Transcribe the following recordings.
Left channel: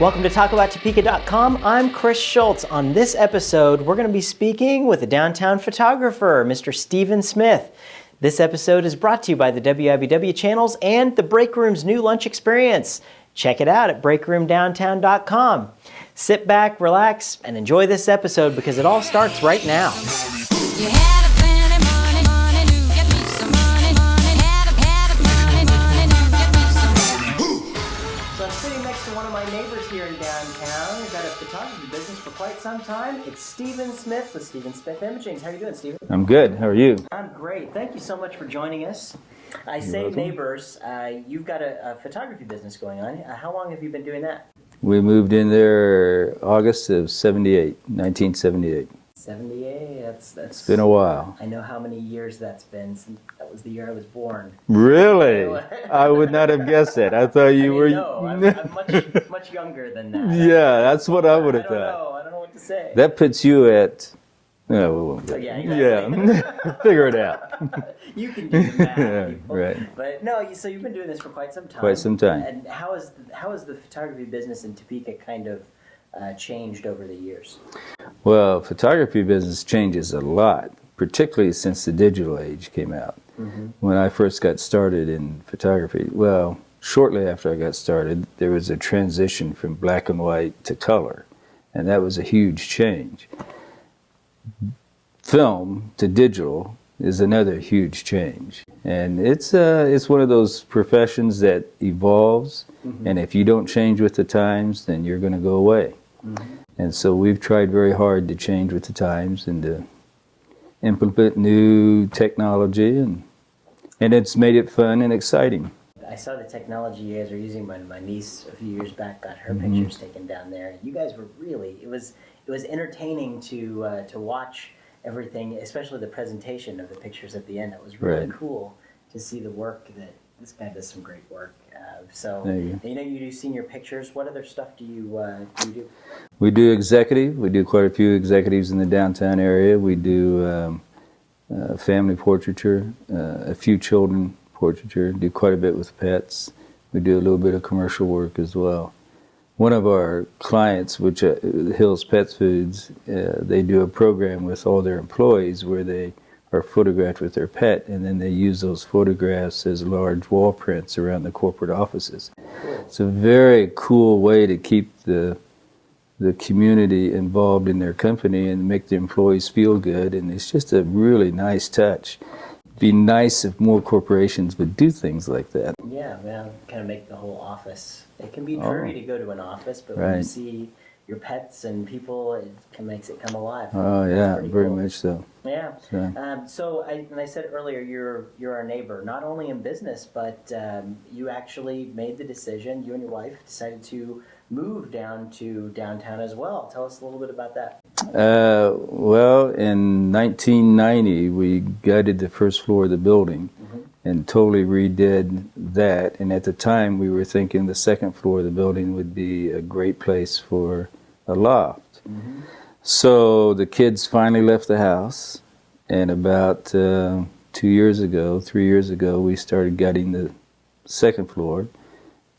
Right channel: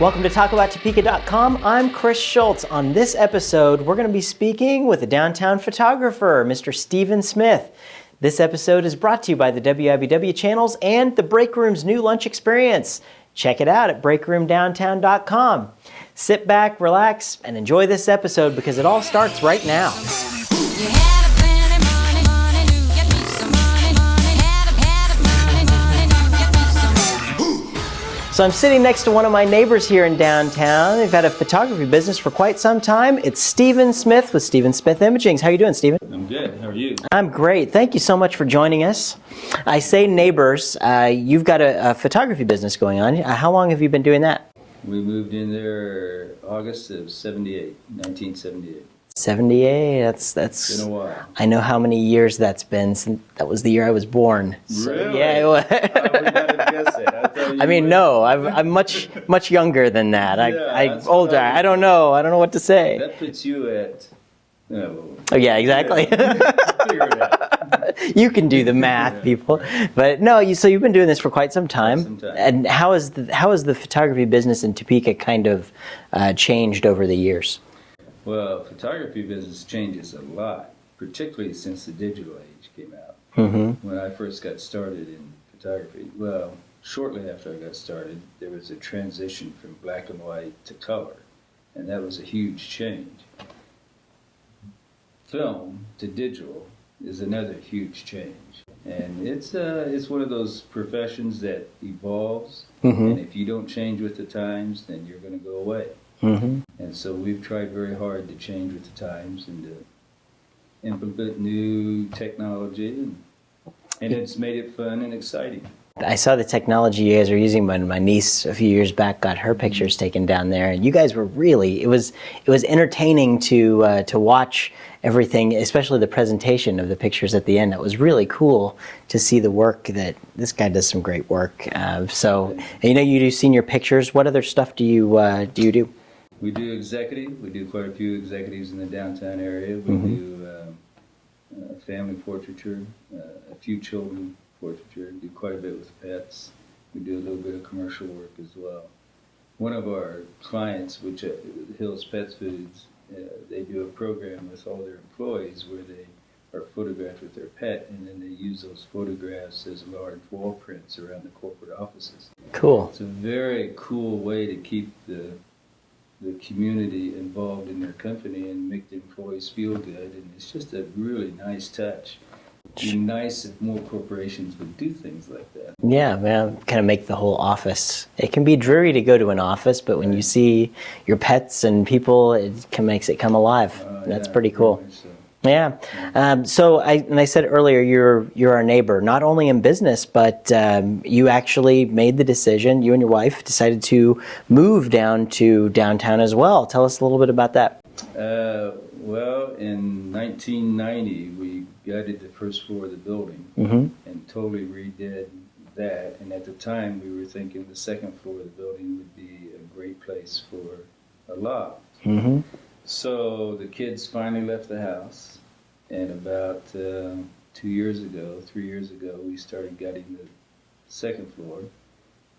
Welcome to TalkAboutTopeka.com. I'm Chris Schultz. On this episode, we're going to be speaking with a downtown photographer, Mr. Stephen Smith. This episode is brought to you by the WIBW channels and the Break Room's new lunch experience. Check it out at breakroomdowntown.com. Sit back, relax, and enjoy this episode because it all starts right now. So I'm sitting next to one of my neighbors here in downtown. They've had a photography business for quite some time. It's Stephen Smith with Stephen Smith Imaging. How you doing, Stephen? I'm good. How are you? I'm great. Thank you so much for joining us. I say neighbors. You've got a photography business going on. How long have you been doing that? We moved in there August of 1978. 78. That's been a while. I know how many years that's been since that was the year I was born. Really? Yeah, I would not have guessed that. I thought you. I'm much younger than that. Yeah, that's what I would have I don't know. I don't know what to say. That puts you at. Oh yeah, exactly. Yeah. Figure it out. You can do the math, people. Right. But no, so you've been doing this for quite some time. Quite some time. And how has the photography business in Topeka kind of changed over the years? Well, photography business changes a lot, particularly since the digital age came out. Mm-hmm. When I first got started in photography, well, shortly after I got started, there was a transition from black and white to color, and that was a huge change. Film to digital is another huge change, and it's one of those professions that evolves, and if you don't change with the times, then you're going to go away. Mm-hmm. And so we've tried very hard to change with the times and to implement new technology, and it's made it fun and exciting. I saw the technology you guys are using when my niece a few years back got her pictures taken down there, and you guys were really, it was entertaining to watch everything, especially the presentation of the pictures at the end. That was really cool to see the work that this guy does. Some great work. You do senior pictures. What other stuff do you do? We do executive. We do quite a few executives in the downtown area. We do family portraiture, a few children portraiture, do quite a bit with pets. We do a little bit of commercial work as well. One of our clients, which Hill's Pet Foods, they do a program with all their employees where they are photographed with their pet, and then they use those photographs as large wall prints around the corporate offices. Cool. It's a very cool way to keep the community involved in their company and make the employees feel good, and it's just a really nice touch. It'd be nice if more corporations would do things like that. Yeah, man, kind of make the whole office. It can be dreary to go to an office, but when you see your pets and people, makes it come alive. Oh, yeah, that's pretty cool. Very much so. Yeah. So I said earlier, you're our neighbor, not only in business, but you actually made the decision. You and your wife decided to move down to downtown as well. Tell us a little bit about that. Well, in 1990, we gutted the first floor of the building and totally redid that. And at the time, we were thinking the second floor of the building would be a great place for a loft. So the kids finally left the house, and about 3 years ago, we started gutting the second floor,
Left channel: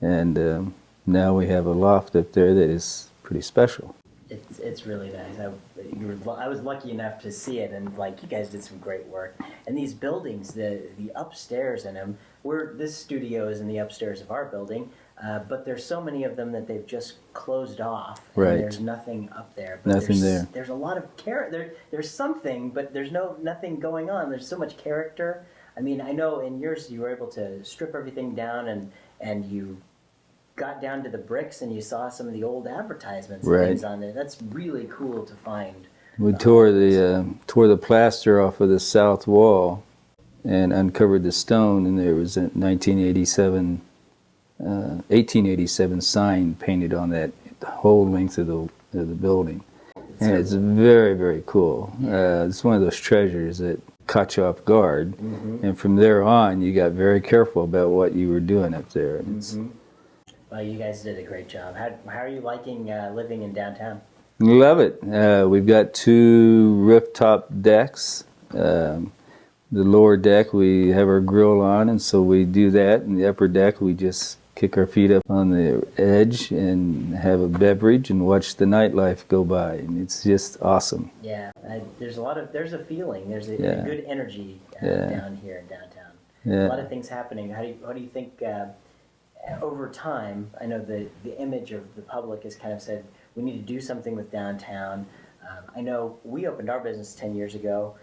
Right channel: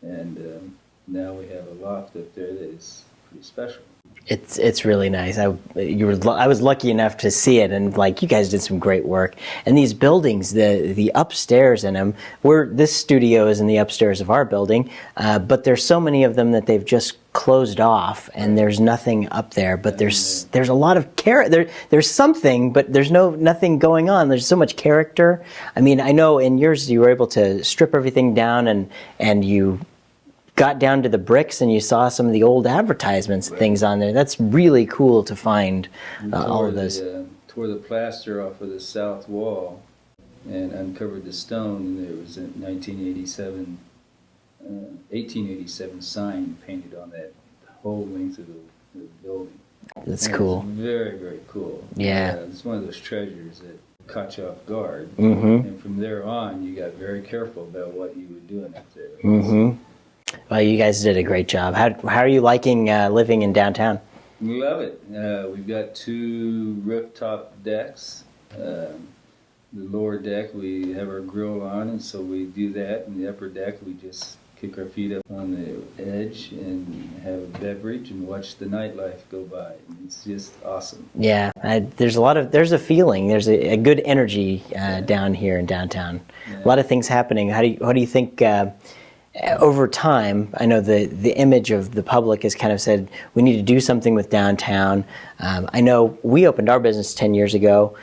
and now we have a loft up there that is pretty special. It's really nice. I was lucky enough to see it, and you guys did some great work. And these buildings, the upstairs in them, this studio is in the upstairs of our building, but there's so many of them that they've just closed off, and there's nothing up there. But there's a lot of there's something, but there's nothing going on. There's so much character. I mean, I know in yours you were able to strip everything down, and you got down to the bricks and you saw some of the old advertisements and things on there. That's really cool to find. We tore the plaster off of the south wall and uncovered the stone, and there was a 1887 sign painted on that whole length of the building. That's cool. It's very, very cool. Yeah. It's one of those treasures that caught you off guard. And from there on, you got very careful about what you were doing up there. Well, you guys did a great job. How are you liking living in downtown? Love it. We've got 2 rooftop decks. The lower deck we have our grill on, and so we do that. And the upper deck we just kick our feet up on the edge and have a beverage and watch the nightlife go by. And it's just awesome. Yeah, there's a feeling, there's a good energy down here in downtown. Yeah. A lot of things happening. How do you think over time, I know the image of the public has kind of said we need to do something with downtown. I know we opened our business 10 years ago.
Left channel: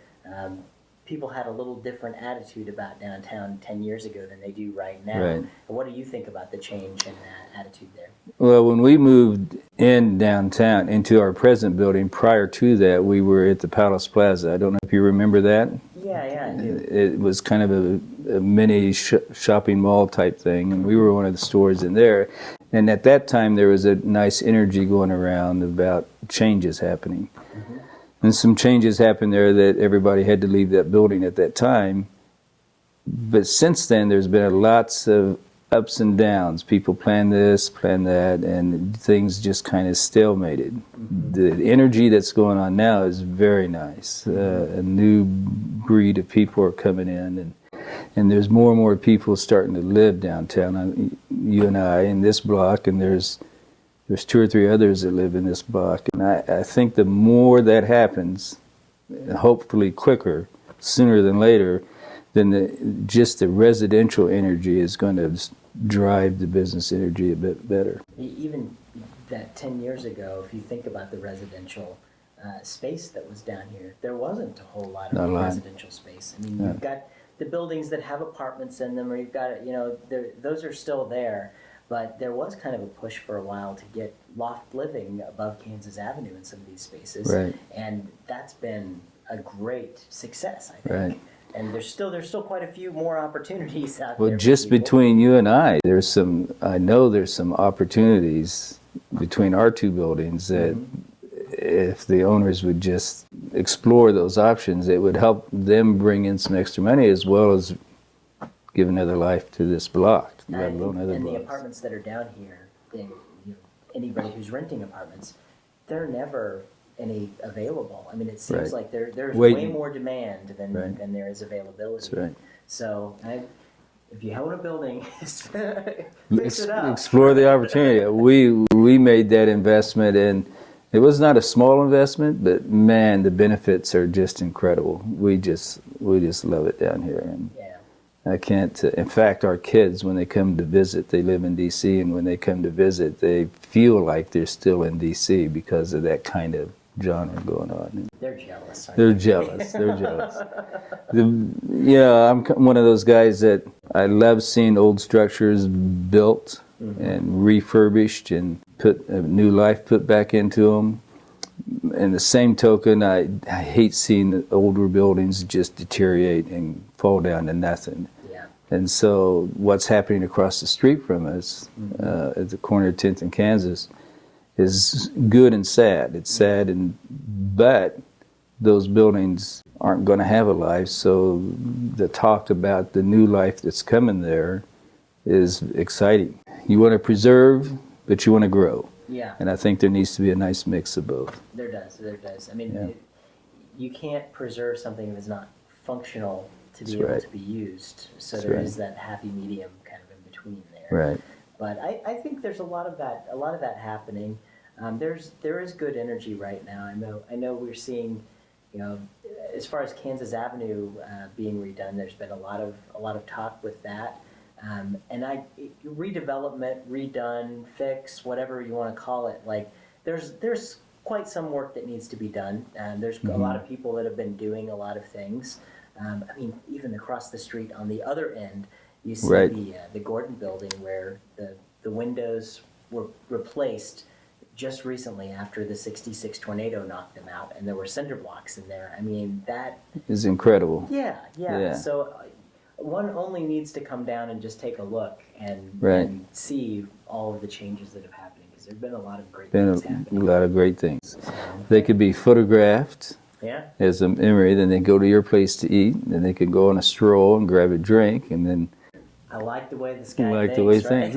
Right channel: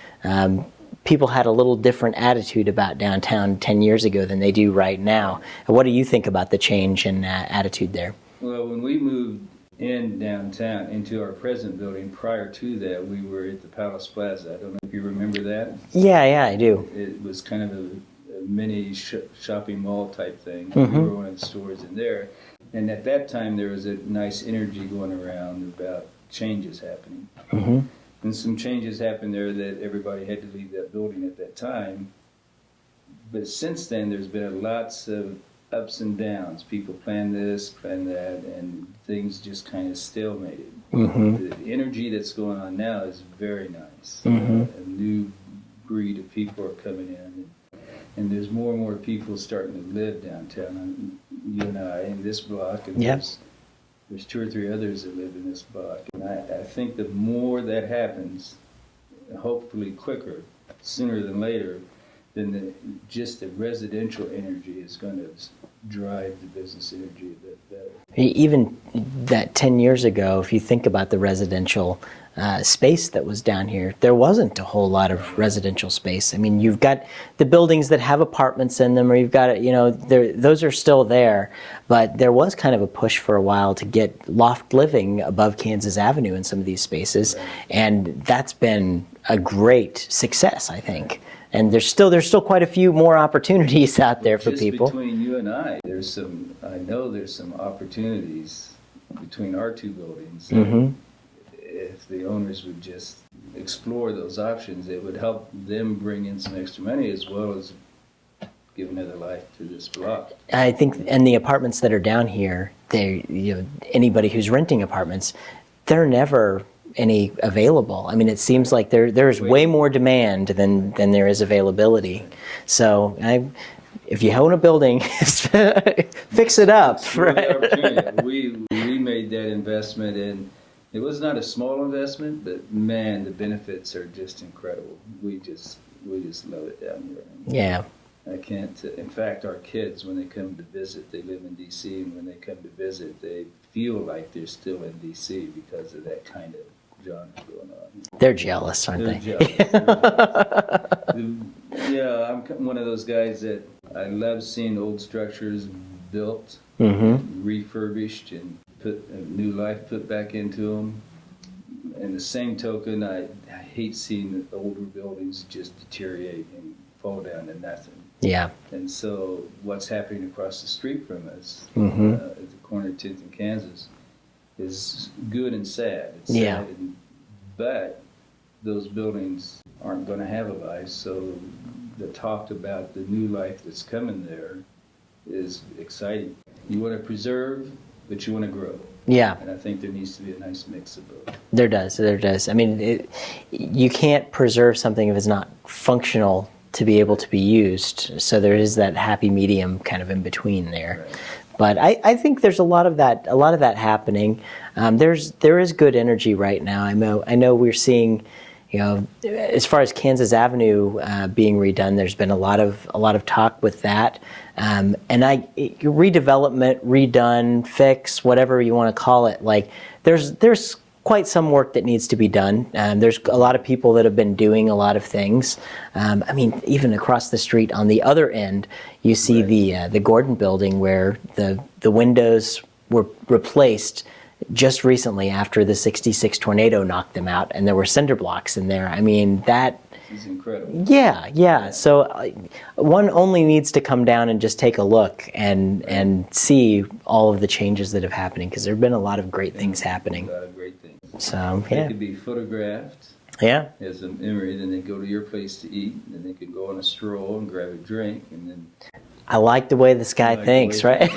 People had a little different attitude about downtown 10 years ago than they do right now. Right. What do you think about the change in attitude there? Well, when we moved in downtown into our present building, prior to that, we were at the Palace Plaza. I don't know if you remember that. Yeah, I do. It was kind of a mini shopping mall type thing, and we were one of the stores in there. And at that time, there was a nice energy going around about changes happening. And some changes happened there that everybody had to leave that building at that time. But since then, there's been lots of ups and downs. People plan this, plan that, and things just kind of stalemated. The energy that's going on now is very nice. A new breed of people are coming in, and there's more and more people starting to live downtown. You and I in this block, and there's 2 or 3 others that live in this block. And I think the more that happens, hopefully quicker, sooner than later, then just the residential energy is going to drive the business energy a bit better. Even that 10 years ago, if you think about the residential space that was down here, there wasn't a whole lot of residential space. I mean, you've got the buildings that have apartments in them, or you've got, those are still there. But there was kind of a push for a while to get loft living above Kansas Avenue in some of these spaces. Right. And that's been a great success, I think. Right. And there's still quite a few more opportunities out there for just people. Between you and I know there's some opportunities between our 2 buildings that if the owners would just explore those options, it would help them bring in some extra money as well as give another life to this block. I think, and the apartments that are down here, anybody who's renting apartments, they're never any available. I mean, it seems like there's way more demand than there is availability. Right. So if you own a building, fix it up. Explore the opportunity. We made that investment, and it was not a small investment, but man, the benefits are just incredible. We just love it down here. And yeah. I can't. In fact, our kids, when they come to visit, they live in D.C., and when they come to visit, they feel like they're still in D.C. because of that kind of genre going on. They're jealous, aren't they? They're jealous. I'm one of those guys that I love seeing old structures built and refurbished and put a new life put back into them. In the same token, I hate seeing older buildings just deteriorate and fall down to nothing. Yeah. And so what's happening across the street from us at the corner of 10th and Kansas is good and sad. It's sad, but those buildings aren't going to have a life, so the talk about the new life that's coming there is exciting. You want to preserve, but you want to grow. Yeah. And I think there needs to be a nice mix of both. There does. I mean, you can't preserve something if it's not functional to be able to be used. So there is that happy medium kind of in between there. Right. But I think there's a lot of that happening. There is good energy right now. I know we're seeing, as far as Kansas Avenue being redone, there's been a lot of talk with that. And redevelopment, redone, fix, whatever you want to call it, like there's quite some work that needs to be done. There's a lot of people that have been doing a lot of things. I mean, even across the street on the other end, you see the Gordon building where the windows were replaced just recently after the '66 tornado knocked them out, and there were cinder blocks in there. I mean, that is incredible. Yeah. So one only needs to come down and just take a look and see all of the changes that have happened, because there have been a lot of great things happening. A lot of great things. So they could be photographed. Yeah. As a memory, then they go to your place to eat, and then they could go on a stroll and grab a drink, and then. I like the way this guy thinks, right?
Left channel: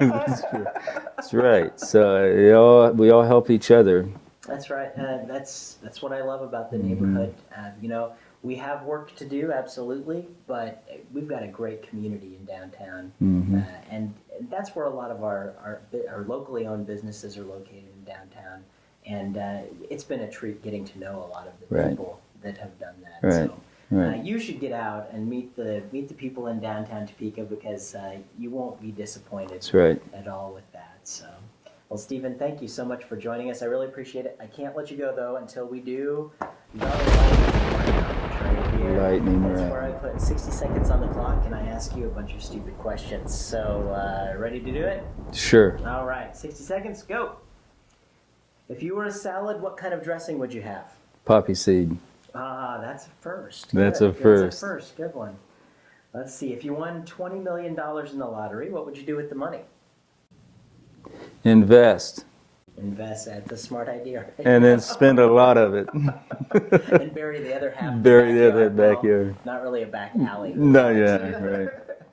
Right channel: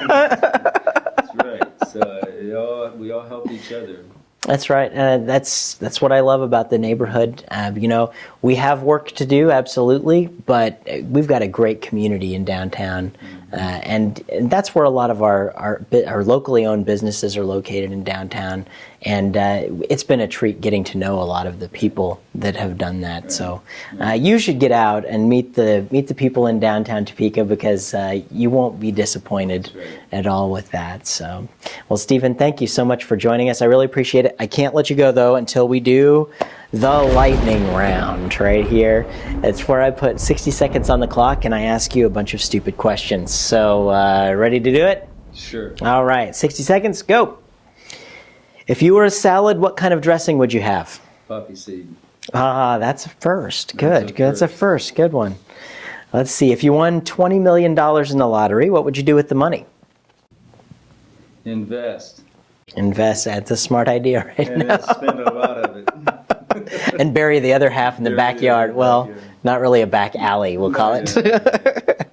That's right. So we all help each other That's right. That's what I love about the neighborhood. You know, we have work to do, absolutely, but we've got a great community in downtown, and that's where a lot of our locally owned businesses are located in downtown. And it's been a treat getting to know a lot of the people that have done that. Right. So you should get out and meet the people in downtown Topeka, because you won't be disappointed at all with that. So, well, Stephen, thank you so much for joining us. I really appreciate it. I can't let you go, though, until we do the lightning round right here. It's where I put 60 seconds on the clock and I ask you a bunch of stupid questions. So, ready to do it? Sure. All right, 60 seconds, go. If you were a salad, what kind of dressing would you have? Poppy seed. Ah, that's a first. That's Good. That's a first. Good one. Let's see. If you won $20 million in the lottery, what would you do with the money? Invest. Invest. That's a smart idea, right? And then spend a lot of it. And bury the other half in the backyard. Well, not really a back alley, we'll call it.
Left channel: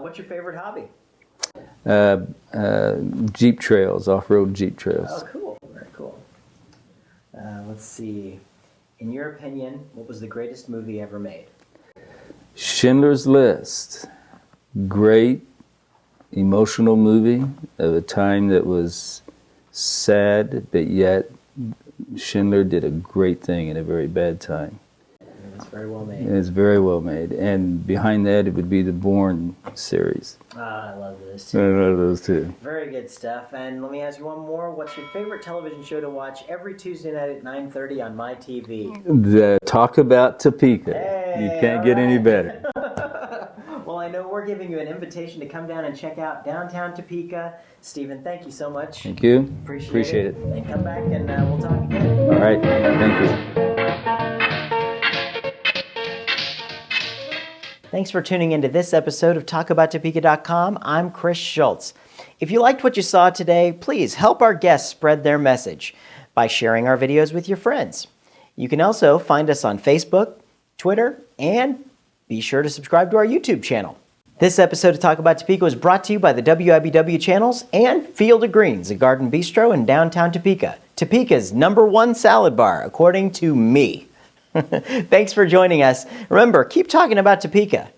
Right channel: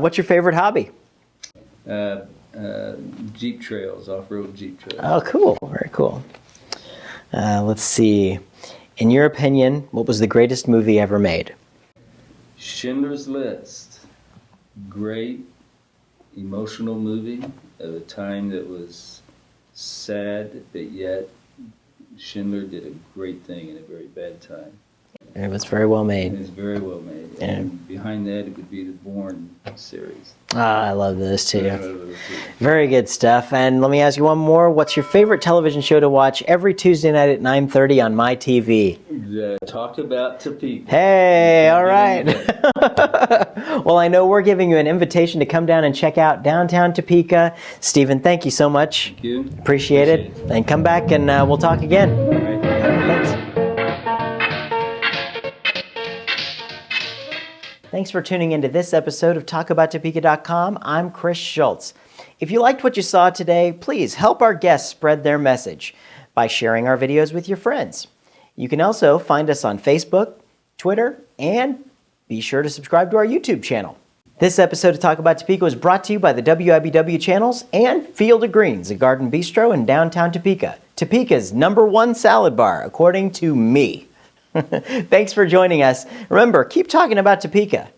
What's your favorite hobby? Jeep trails, off-road Jeep trails. Oh, cool. Very cool. Let's see. In your opinion, what was the greatest movie ever made? Schindler's List. Great, emotional movie of a time that was sad, but yet Schindler did a great thing in a very bad time. It was very well made. It's very well made. And behind that, it would be the Bourne series. Ah, I love those too. I love those too. Very good stuff. And let me ask you one more. What's your favorite television show to watch every Tuesday night at 9:30 on my TV? The Talk About Topeka. Hey, all right. You can't get any better. Well, I know we're giving you an invitation to come down and check out downtown Topeka. Stephen, thank you so much. Thank you. Appreciate it. And come back and we'll talk again. All right. Thanks. Thanks for tuning into this episode of TalkAboutTopeka.com. I'm Chris Schultz. If you liked what you saw today, please help our guests spread their message by sharing our videos with your friends. You can also find us on Facebook, Twitter, and be sure to subscribe to our YouTube channel. This episode of Talk About Topeka was brought to you by the WIBW channels and Field of Greens, a garden bistro in downtown Topeka. Topeka's #1 salad bar, according to me. Thanks for joining us. Remember, keep talking about Topeka.